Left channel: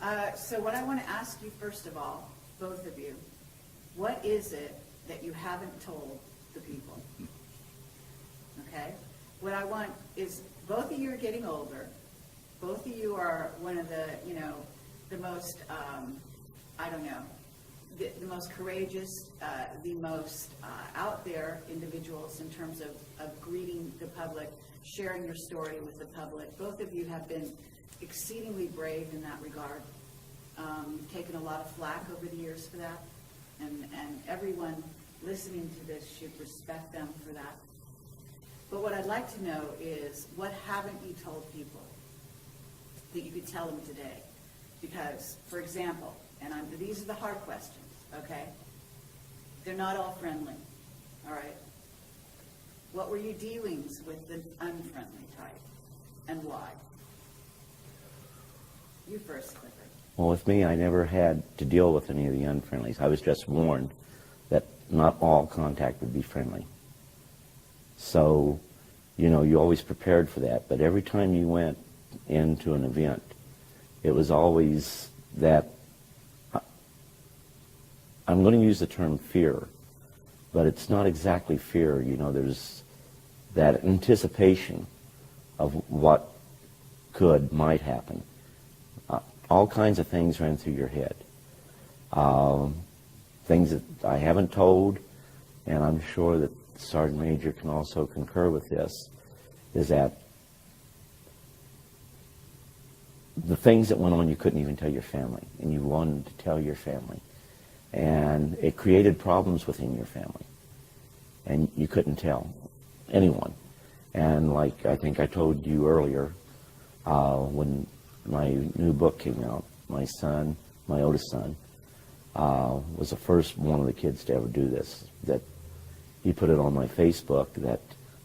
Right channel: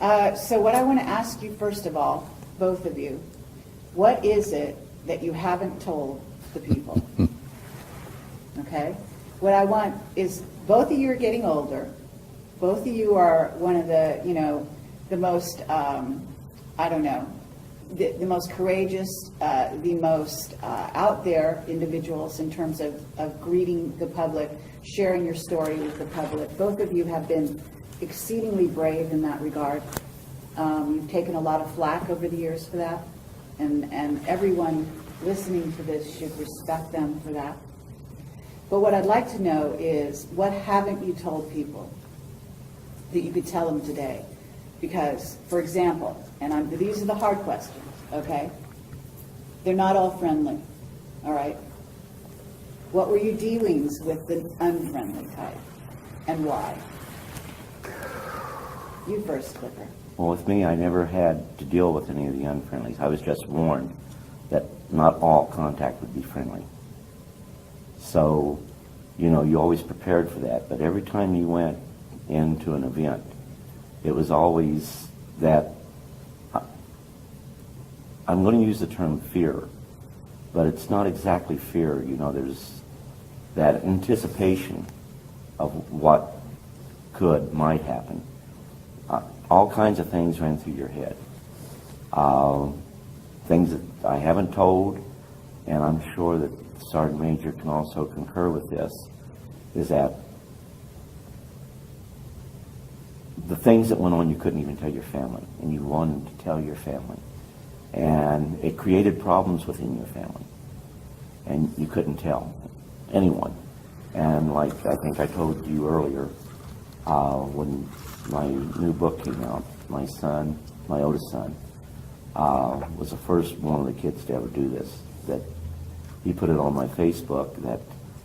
So what I want to ask you, first of all, both of you, what is it that you haven't told the people? Okay? What I want is, both of you are getting older. Both of you are one of the, the most, the most courageous, the most out there individuals in terms of greeting the public, sharing your story with the public. Both of you have been exceedingly brave in that regard. You've taken a lot of flack over the years for that, and everyone listening to this should respect them for that. But what I'd like to know is, what haven't you told people that you could tell them today? Because, for example, and these are the hard questions, okay? They're not all friendly, all right? What were your dealings with the unfriendly type, and why? You first, Clifford. Well, with me, I never had to deal with any of the unfriendlies. I was just warned that not all contact would be friendly. So, you always prepared for that. But every time you went into an event, it was always that, I'm going to use the term fear, but it's not exactly fear. There's that anticipation of what might happen. All kinds of things ran through your head. Things that I haven't told, and I'm sure that Sergeant Major can also concur with this, is that the things that went on you couldn't even tell your family, and you wanted to tell your family. And it created problems within your family, and you couldn't tell anyone. And like I think I told you earlier, when my new book came out, my son, my oldest son, was the first one of the kids to ever do this. That he put it on my Facebook that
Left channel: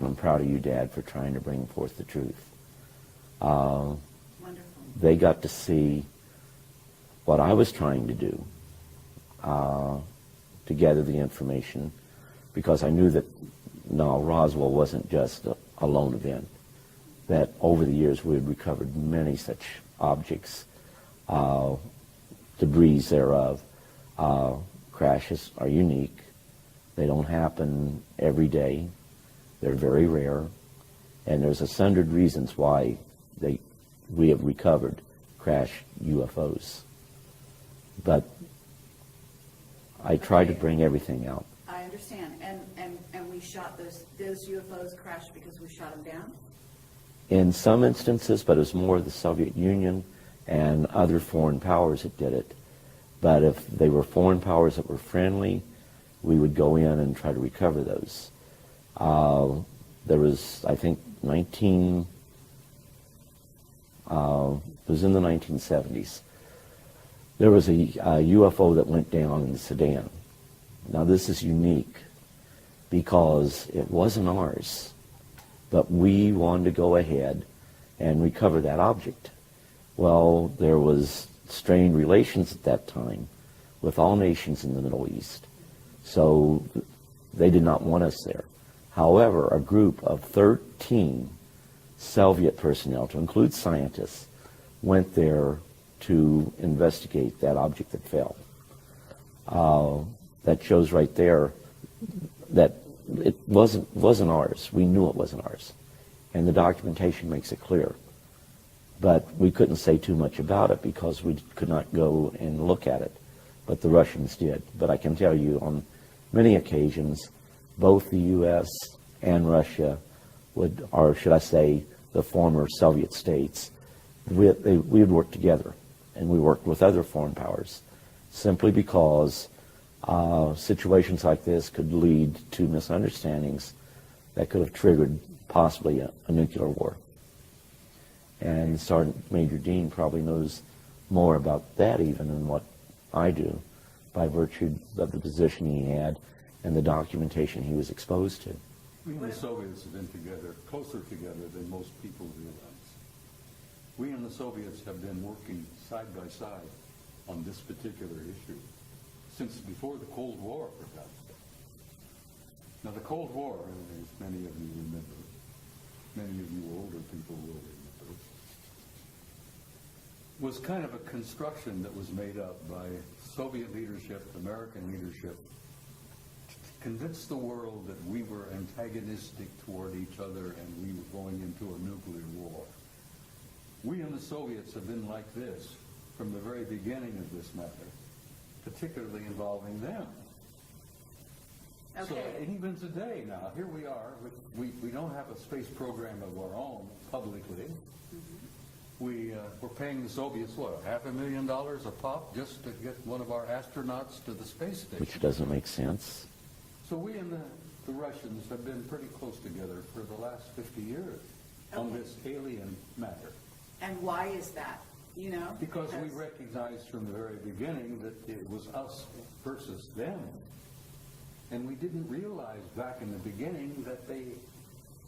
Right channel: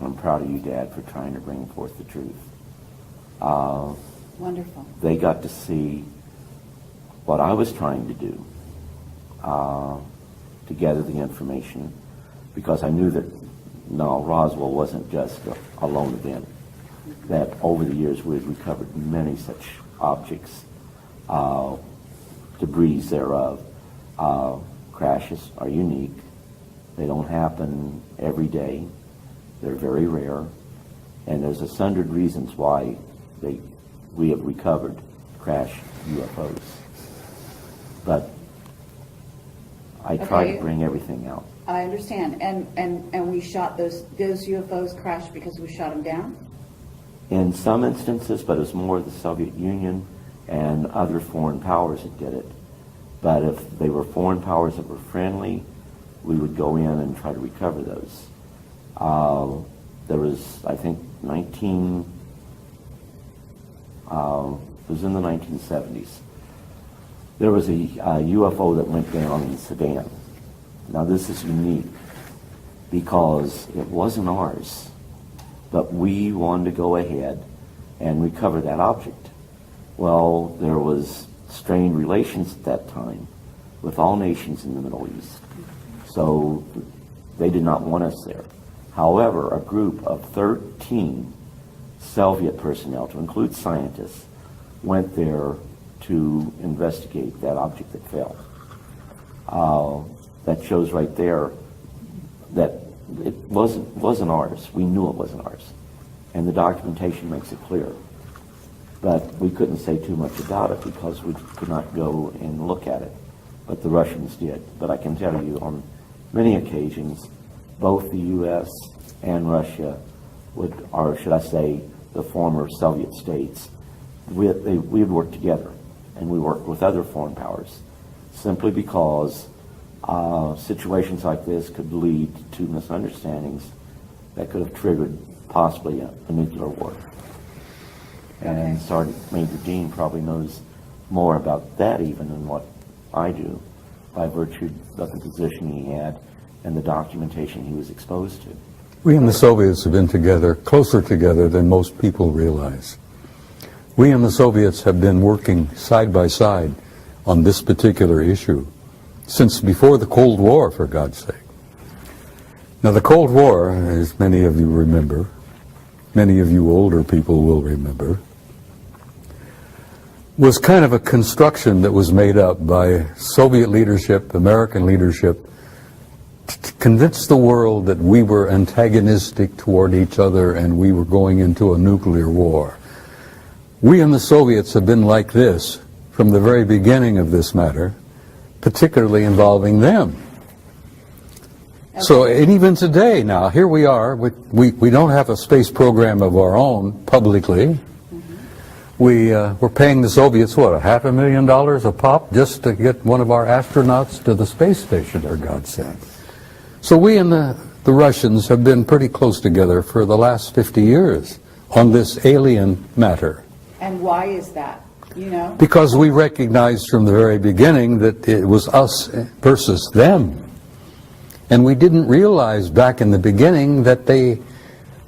I'm proud of you, Dad, for trying to bring forth the truth. Wonderful. They got to see what I was trying to do to gather the information, because I knew that Roswell wasn't just a lone event. That over the years we had recovered many such objects, debris thereof. Crashes are unique. They don't happen every day. They're very rare. And there's 100 reasons why we have recovered crash UFOs. But I try to bring everything out. I understand. And we shot those UFOs crashed because we shot them down? In some instances, but it was more the Soviet Union and other foreign powers that did it. But if they were foreign powers that were friendly, we would go in and try to recover those. There was, I think, it was in the 1970s. There was a UFO that went down in Sudan. Now this is unique because it wasn't ours, but we wanted to go ahead and recover that object. Well, there was strained relations at that time with all nations in the Middle East, so they did not want us there. However, a group of 13 Soviet personnel, to include scientists, went there to investigate that object that fell. That shows right there that it wasn't ours. We knew it wasn't ours. And the documentation makes it clear. But we couldn't say too much about it because we could not go and look at it. But the Russians did. But I can tell you on many occasions, both the U.S. and Russia or should I say the former Soviet states, we would work together. And we worked with other foreign powers simply because situations like this could lead to misunderstandings that could have triggered possibly a nuclear war. And Sergeant Major Dean probably knows more about that even than what I do, by virtue of the position he had and the documentation he was exposed to. We and the Soviets have been together, closer together than most people realize. We and the Soviets have been working side by side on this particular issue since before the Cold War, for God's sake. Now, the Cold War, as many of you remember, many of you older people will remember, was kind of a construction that was made up by Soviet leadership, American leadership, to convince the world that we were antagonistic toward each other and we were going into a nuclear war. We and the Soviets have been like this from the very beginning of this matter, particularly involving them. Okay. So, and even today now, here we are, we don't have a space program of our own publicly. We're paying the Soviets, what, $500,000 a pop just to get one of our astronauts to the space station, for God's sake. So we and the Russians have been pretty close together for the last 50 years on this alien matter. And why is that? You know? Because we recognized from the very beginning that it was us versus them. And we didn't realize back in the beginning that they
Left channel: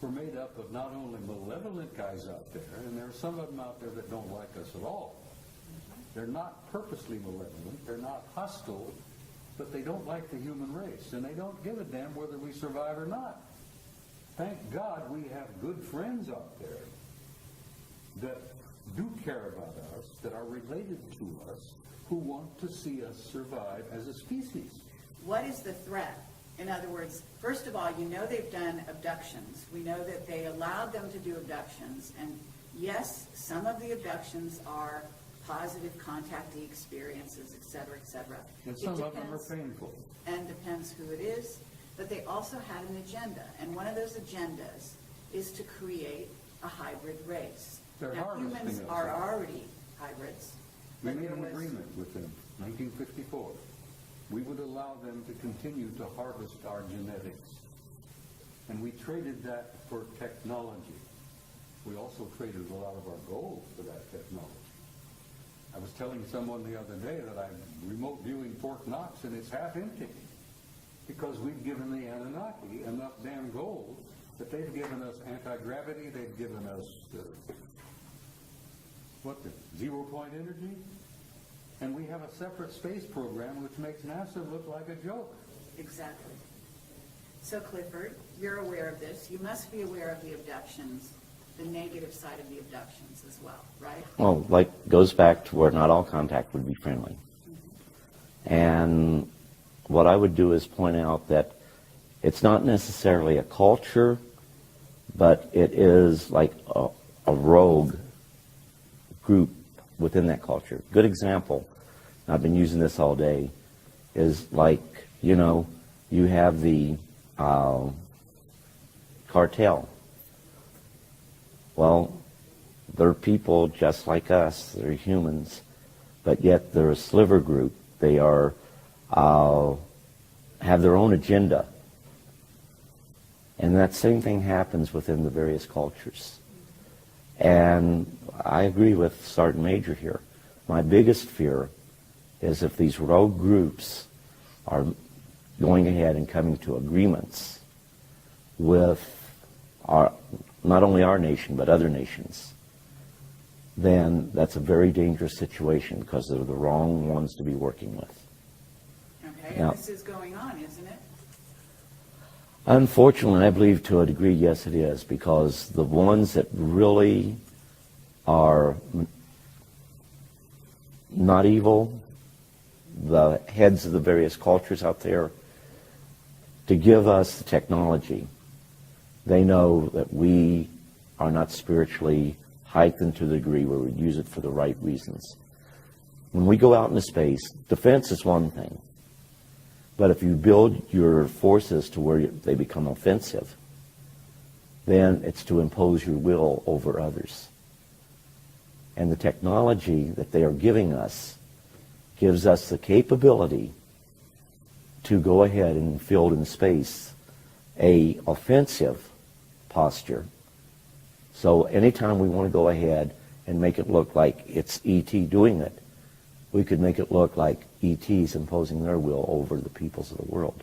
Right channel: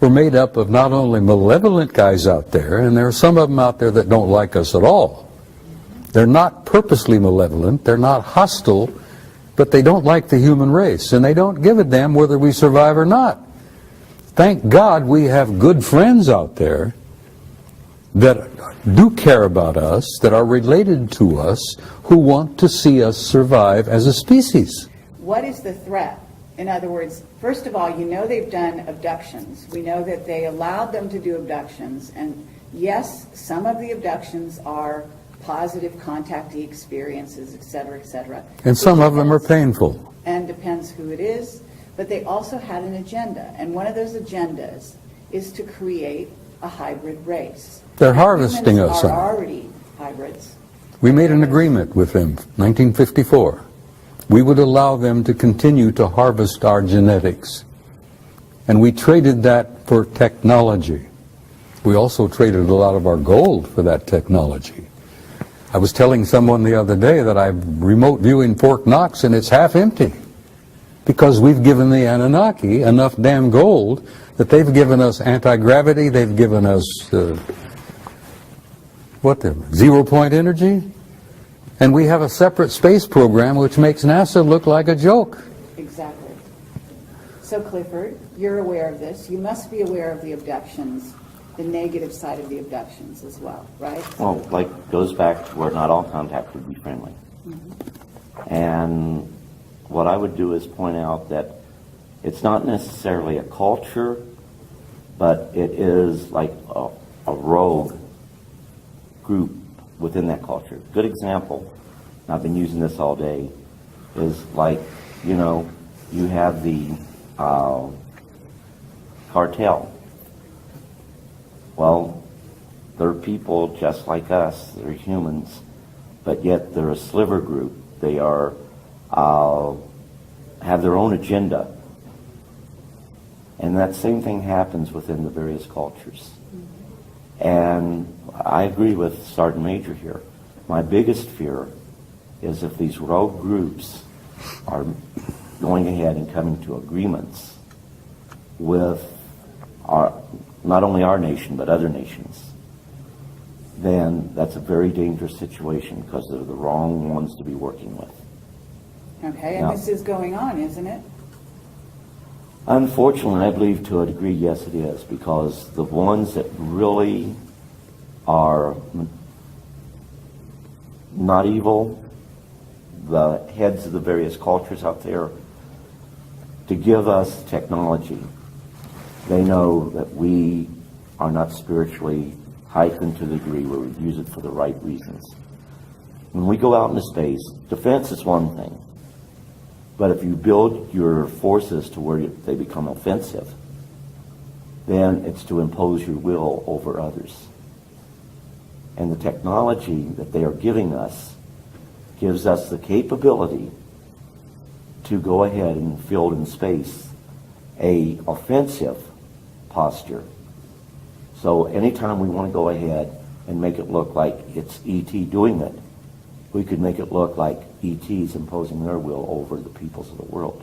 were made up of not only malevolent guys out there, and there are some of them out there that don't like us at all. They're not purposely malevolent, they're not hostile, but they don't like the human race, and they don't give a damn whether we survive or not. Thank God we have good friends out there that do care about us, that are related to us, who want to see us survive as a species. What is the threat? In other words, first of all, you know they've done abductions. We know that they allowed them to do abductions. And yes, some of the abductions are positive contactee experiences, et cetera, et cetera. And some of them are painful. And depends who it is. But they also had an agenda. And one of those agendas is to create a hybrid race. They're harvesting Humans us. are already hybrids. We made an agreement with them, 1954. We would allow them to continue to harvest our genetics. And we traded that for technology. We also traded a lot of our gold for that technology. I was telling someone the other day that I'm remote viewing Fort Knox and it's half empty because we've given the Anunnaki enough damn gold that they've given us anti-gravity, they've given us, zero-point energy? And we have a separate space program which makes NASA look like a joke. Exactly. So Clifford, you're aware of this. You must be aware of the abductions, the negative side of the abductions as well, right? Well, like, goes back to where not all contact would be friendly. And what I would do is point out that it's not necessarily a culture, but it is like a rogue group within that culture. Good example, I've been using this all day, is like, you know, you have the cartel. Well, they're people just like us, they're humans, but yet they're a sliver group. They are, have their own agenda. And that same thing happens within the various cultures. And I agree with Sergeant Major here. My biggest fear is if these rogue groups are going ahead and coming to agreements with not only our nation, but other nations, then that's a very dangerous situation because they're the wrong ones to be working with. Okay, Now, and this is going on, isn't it? Unfortunately, I believe to a degree, yes, it is, because the ones that really are not evil, the heads of the various cultures out there, to give us technology, they know that we are not spiritually heightened to the degree where we use it for the right reasons. When we go out into space, defense is one thing. But if you build your forces to where they become offensive, then it's to impose your will over others. And the technology that they are giving us gives us the capability to go ahead and field in space a offensive posture. So anytime we want to go ahead and make it look like it's ET doing it, we could make it look like ET's imposing their will over the peoples of the world.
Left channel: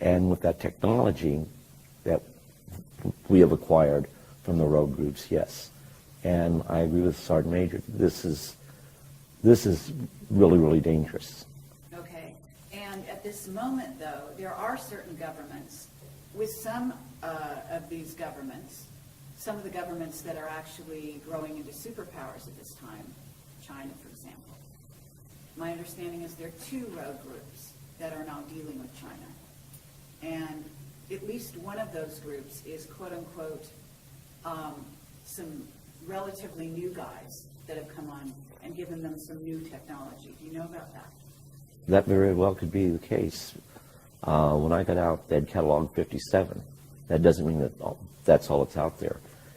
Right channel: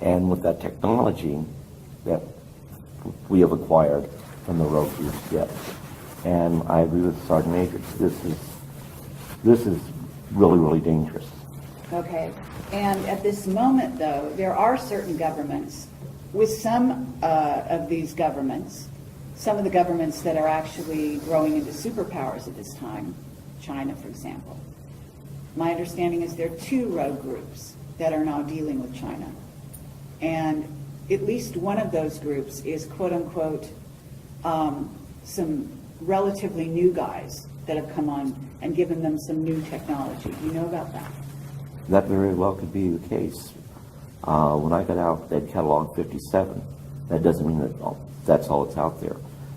And with that technology that we have acquired from the rogue groups, yes. And I agree with Sergeant Major. This is really, really dangerous. Okay, and at this moment, though, there are certain governments, with some of these governments, some of the governments that are actually growing into superpowers at this time, China, for example. My understanding is there are 2 rogue groups that are now dealing with China. And at least one of those groups is, quote unquote, some relatively new guys that have come on and given them some new technology. Do you know about that? That very well could be the case. When I got out, Ed Catalog 57. That doesn't mean that that's all that's out there.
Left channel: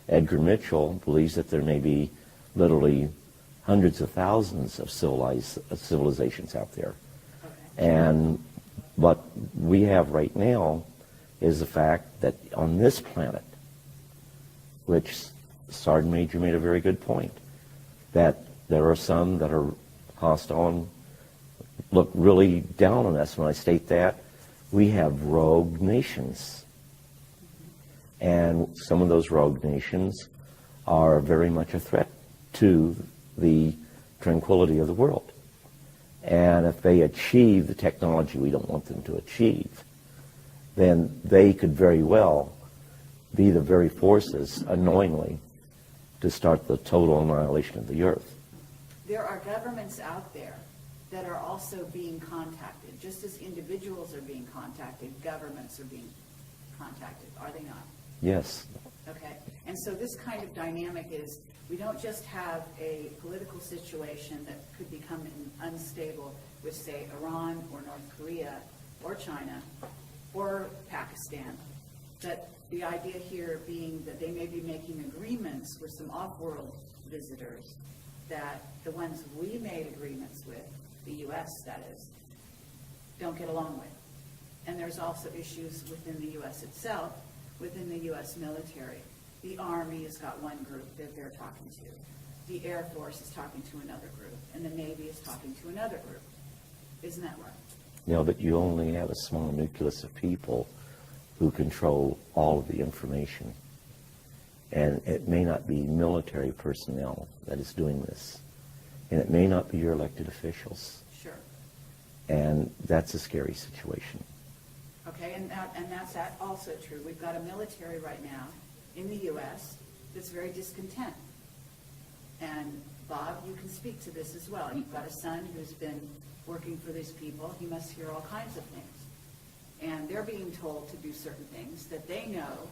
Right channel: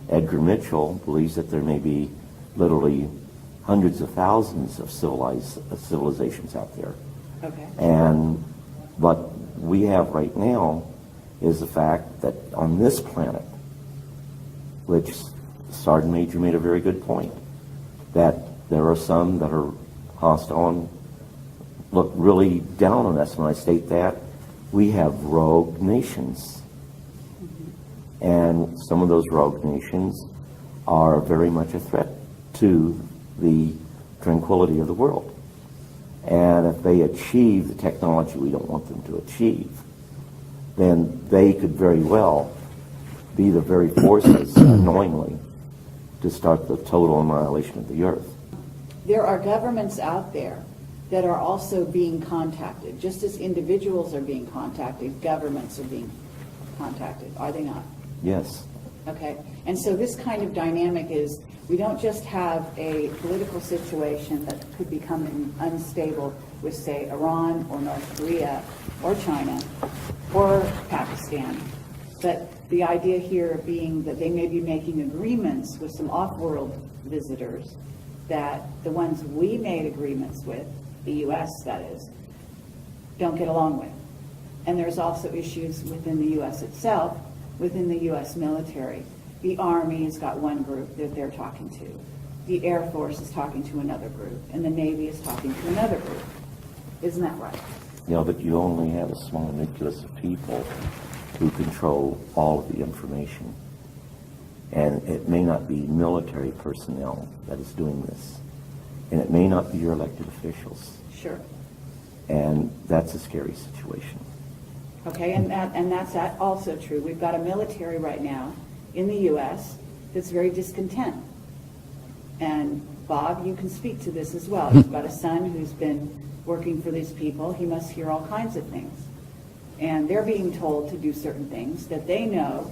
Edgar Mitchell believes that there may be literally hundreds of thousands of civilizations out there. Okay. And what we have right now is the fact that on this planet, which Sergeant Major made a very good point, that there are some that are hostile and look really down on us. When I state that, we have rogue nations. And some of those rogue nations are very much a threat to the tranquility of the world. And if they achieve the technology we don't want them to achieve, then they could very well be the very forces, unknowingly, to start the total annihilation of the earth. There are governments out there that are also being contacted. Just as individuals are being contacted, governments are being contacted, are they not? Yes. Okay, and so this kind of dynamic is, we don't just have a political situation that could become unstable with, say, Iran or North Korea or China or Pakistan, but the idea here being that they may be making agreements with some off-world visitors that the ones we made agreements with, the U.S. that is, don't get along with. And there's also issues within the U.S. itself, within the U.S. military. The Army has got one group that they're talking to. The Air Force is talking to another group, and the Navy is talking to another group. Isn't that right? Yeah, but you only have a small nucleus of people who control all of the information. And it may not be military personnel that is doing this. And it may not be your elected officials. Sure. And that's a scary situation. Okay, and that's also true. We've got a military right now in the U.S. that's very discontent. And Bob, you can speak to this as well. You've got a son who's been working for these people. He must hear all kinds of things. And they're being told to do certain things that they know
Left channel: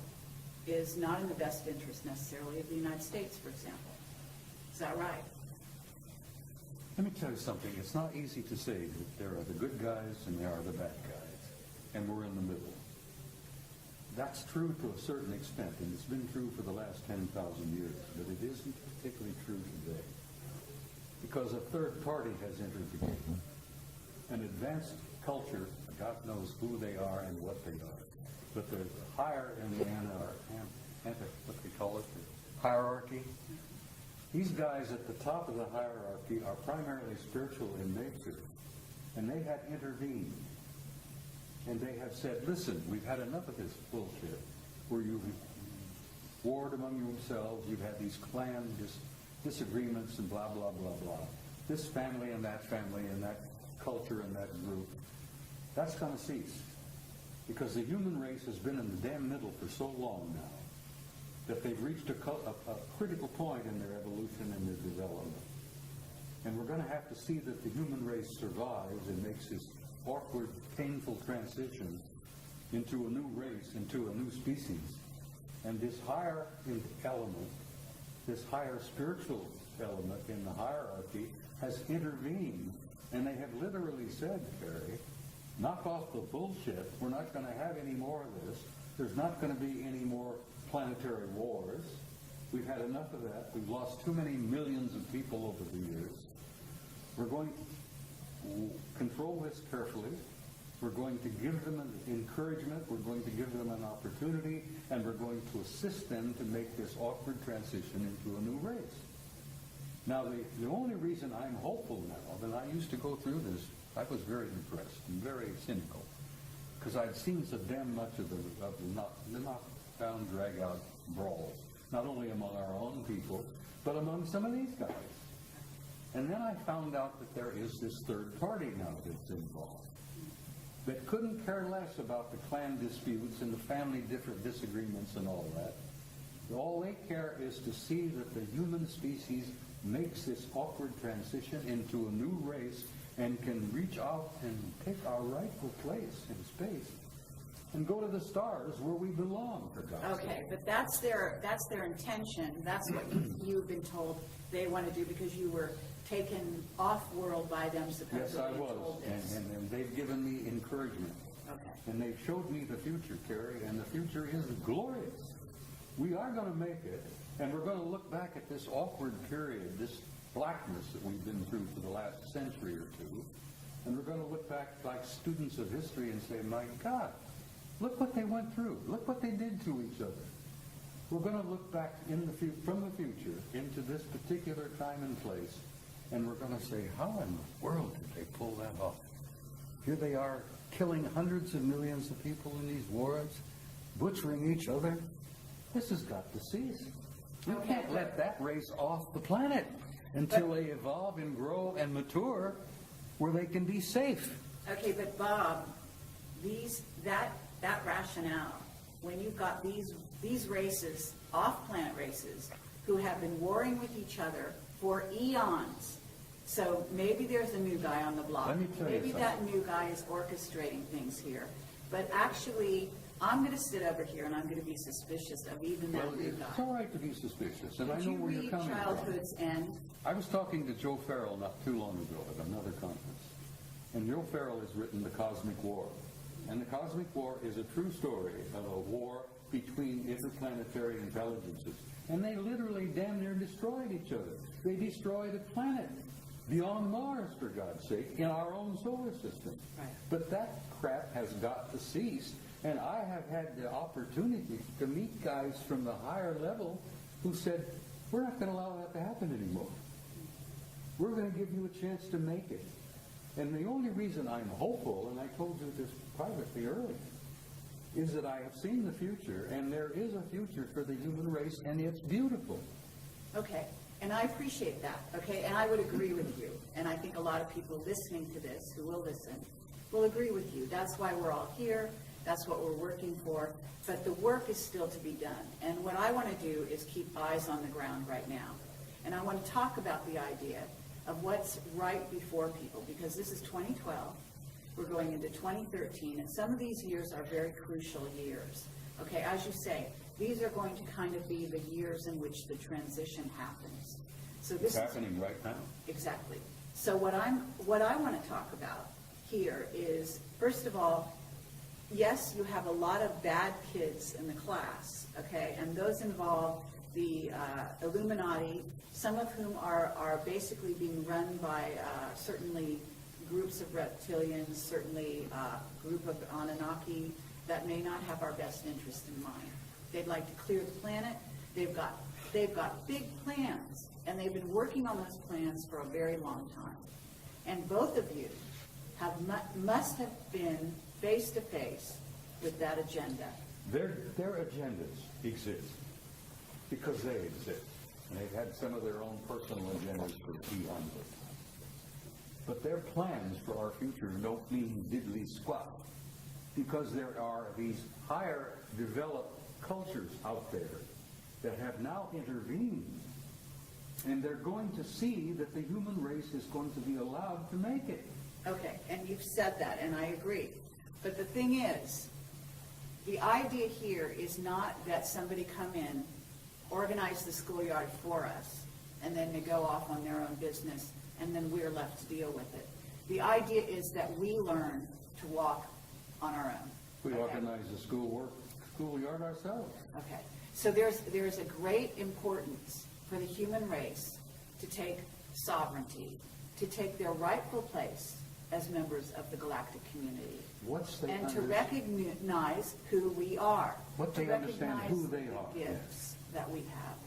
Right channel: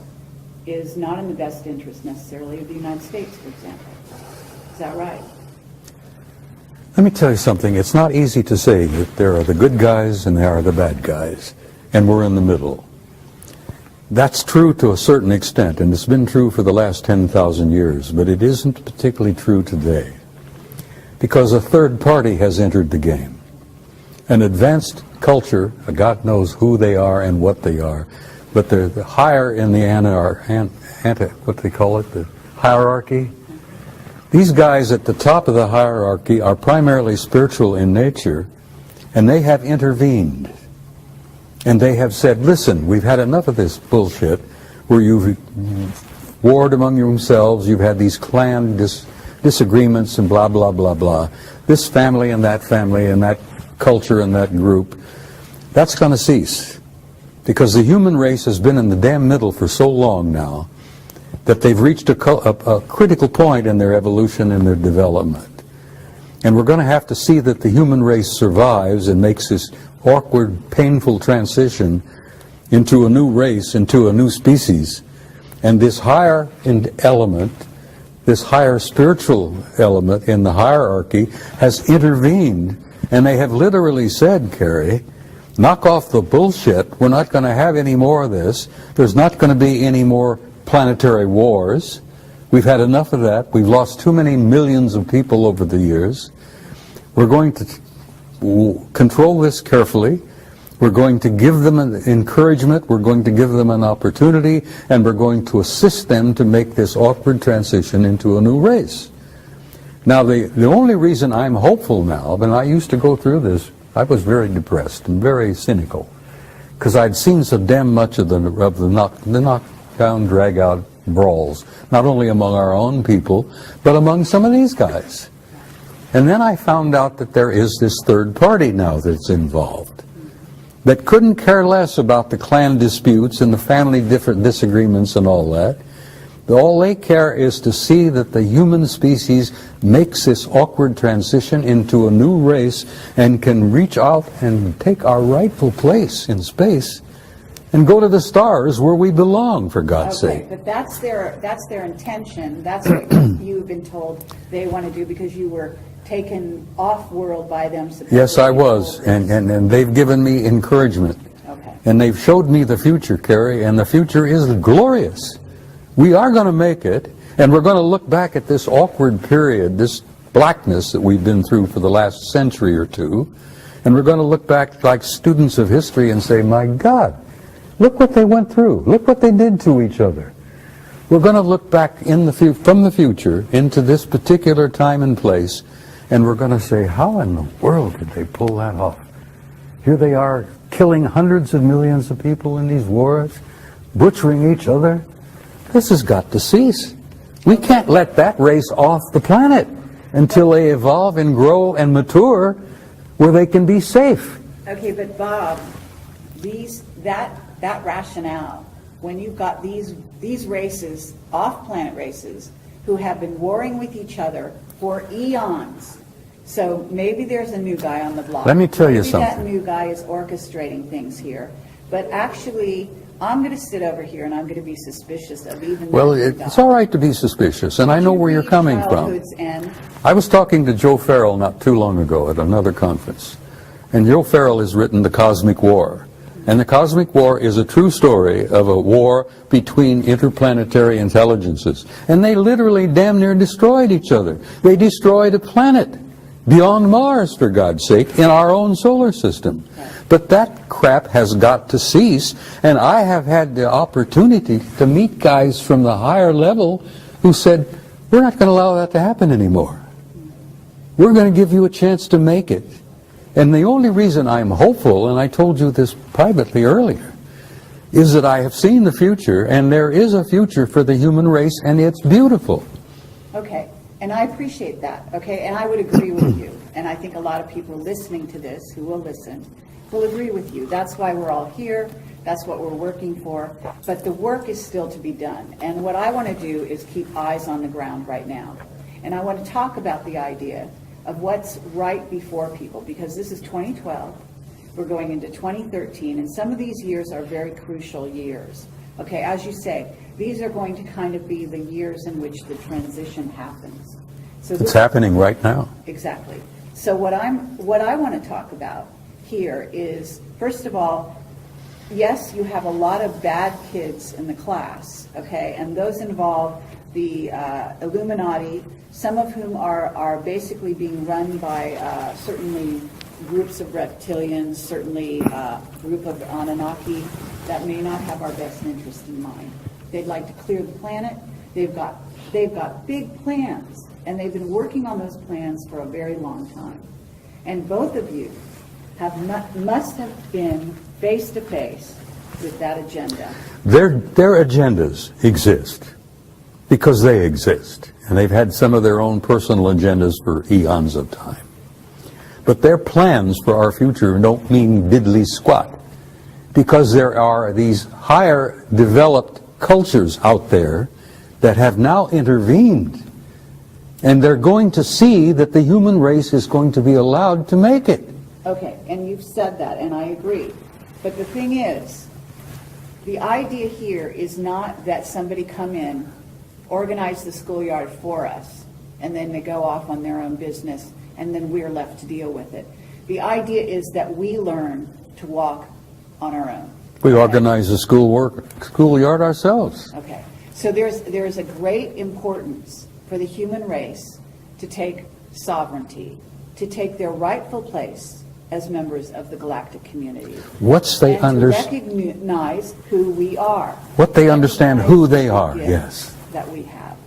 is not in the best interest necessarily of the United States, for example. Is that right? Let me tell you something. It's not easy to say that there are the good guys and there are the bad guys, and we're in the middle. That's true to a certain extent, and it's been true for the last 10,000 years, but it isn't particularly true today, because a third party has entered the game. An advanced culture, God knows who they are and what they are, but they're the higher in the what they call it, the hierarchy. These guys at the top of the hierarchy are primarily spiritual in nature, and they have intervened. And they have said, listen, we've had enough of this bullshit where you've warred among yourselves, you've had these clan disagreements and blah, blah, blah, blah. This family and that culture and that group, that's going to cease. Because the human race has been in the damn middle for so long now that they've reached a critical point in their evolution and their development. And we're going to have to see that the human race survives and makes this awkward, painful transition into a new race, into a new species. And this higher element, this higher spiritual element in the hierarchy has intervened, and they have literally said, Carrie, knock off the bullshit. We're not going to have any more of this. There's not going to be any more planetary wars. We've had enough of that. We've lost too many millions of people over the years. We're going to control this carefully. We're going to give them an encouragement. We're going to give them an opportunity, and we're going to assist them to make this awkward transition into a new race. Now, the only reason I'm hopeful now, and I used to go through this, I was very depressed and very cynical, because I'd seen so damn much of the knockdown, drag-out brawls, not only among our own people, but among some of these guys. And then I found out that there is this third party now that's involved, that couldn't care less about the clan disputes and the family different disagreements and all that, All they care is to see that the human species makes this awkward transition into a new race and can reach out and take our rightful place in space and go to the stars where we belong, for God's Okay, sake. but that's their intention. That's what you've been told they want to do because you were taken off-world by them. Yes, I was, supposedly. and they've given me encouragement. Okay. And they've showed me the future, Carrie, and the future is glorious. We are going to make it, and we're going to look back at this awkward period, this blackness that we've been through for the last century or two, and we're going to look back like students of history and say, my God, look what they went through. Look what they did to each other. We're going to look back from the future into this particular time and place, and we're going to say, how in the world did they pull that off? Here they are killing hundreds of millions of people in these wars, butchering each other. This has got to cease. We can't let that race off the planet until they evolve and grow and mature where they can be safe. Okay, but Bob, that rationale, when you've got these races, off-planet races, who have been warring with each other for eons. So maybe there's a new guy on the block. Let me tell you Maybe something. that new guy is orchestrating things here. But actually, I'm going to sit over here and I'm going to be suspicious of even Well, that new it's guy. all right to be suspicious, and I know where you're coming from. Childhood's End. I was talking to Joe Farrell not too long ago at another conference, and Joe Farrell has written The Cosmic War. And The Cosmic War is a true story of a war between interplanetary intelligences. And they literally damn near destroyed each other. They destroyed a planet beyond Mars, for God's sake, in our own solar system. But that crap has got to cease, and I have had the opportunity to meet guys from the higher level who said, we're not going to allow that to happen anymore. We're going to give you a chance to make it. And the only reason I'm hopeful, and I told you this privately earlier, is that I have seen the future, and there is a future for the human race, and it's beautiful. Okay, and I appreciate that, okay, and I would agree with you. And I think a lot of people listening to this, who will listen, will agree with you. That's why we're all here. That's what we're working for. But the work is still to be done. And what I want to do is keep eyes on the ground right now. And I want to talk about the idea of what's right before people, because this is 2012. We're going into 2013, and some of these years are very crucial years. Okay, as you say, these are going to kind of be the years in which the transition happens. So It's happening right now. Exactly. So what I want to talk about here is, first of all, yes, you have a lot of bad kids in the class, okay, and those involve the Illuminati, some of whom are basically being run by certainly groups of reptilians, certainly a group of Anunnaki that may not have our best interest in mind. They'd like to clear the planet. They've got big plans, and they've been working on those plans for a very long time. And both of you must have been face to face with that agenda. Their agendas exist because they exist, and they've had some of their own personal agendas for eons of time. But their plans for our future don't mean diddly squat, because there are these higher developed cultures out there that have now intervened, and they're going to see that the human race is going to be allowed to make it. Okay, and you've said that, and I agree. But the thing is, the idea here is not that somebody come in, organize the schoolyard for us, and then they go off on their own business, and then we're left to deal with it. The idea is that we learn to walk on our own. We organize the schoolyard ourselves. Okay, so there's a great importance for the human race to take sovereignty, to take their rightful place as members of the galactic community. Once they and to recognize who we are. What they understand Recognize who they the are, gifts yes. that we have.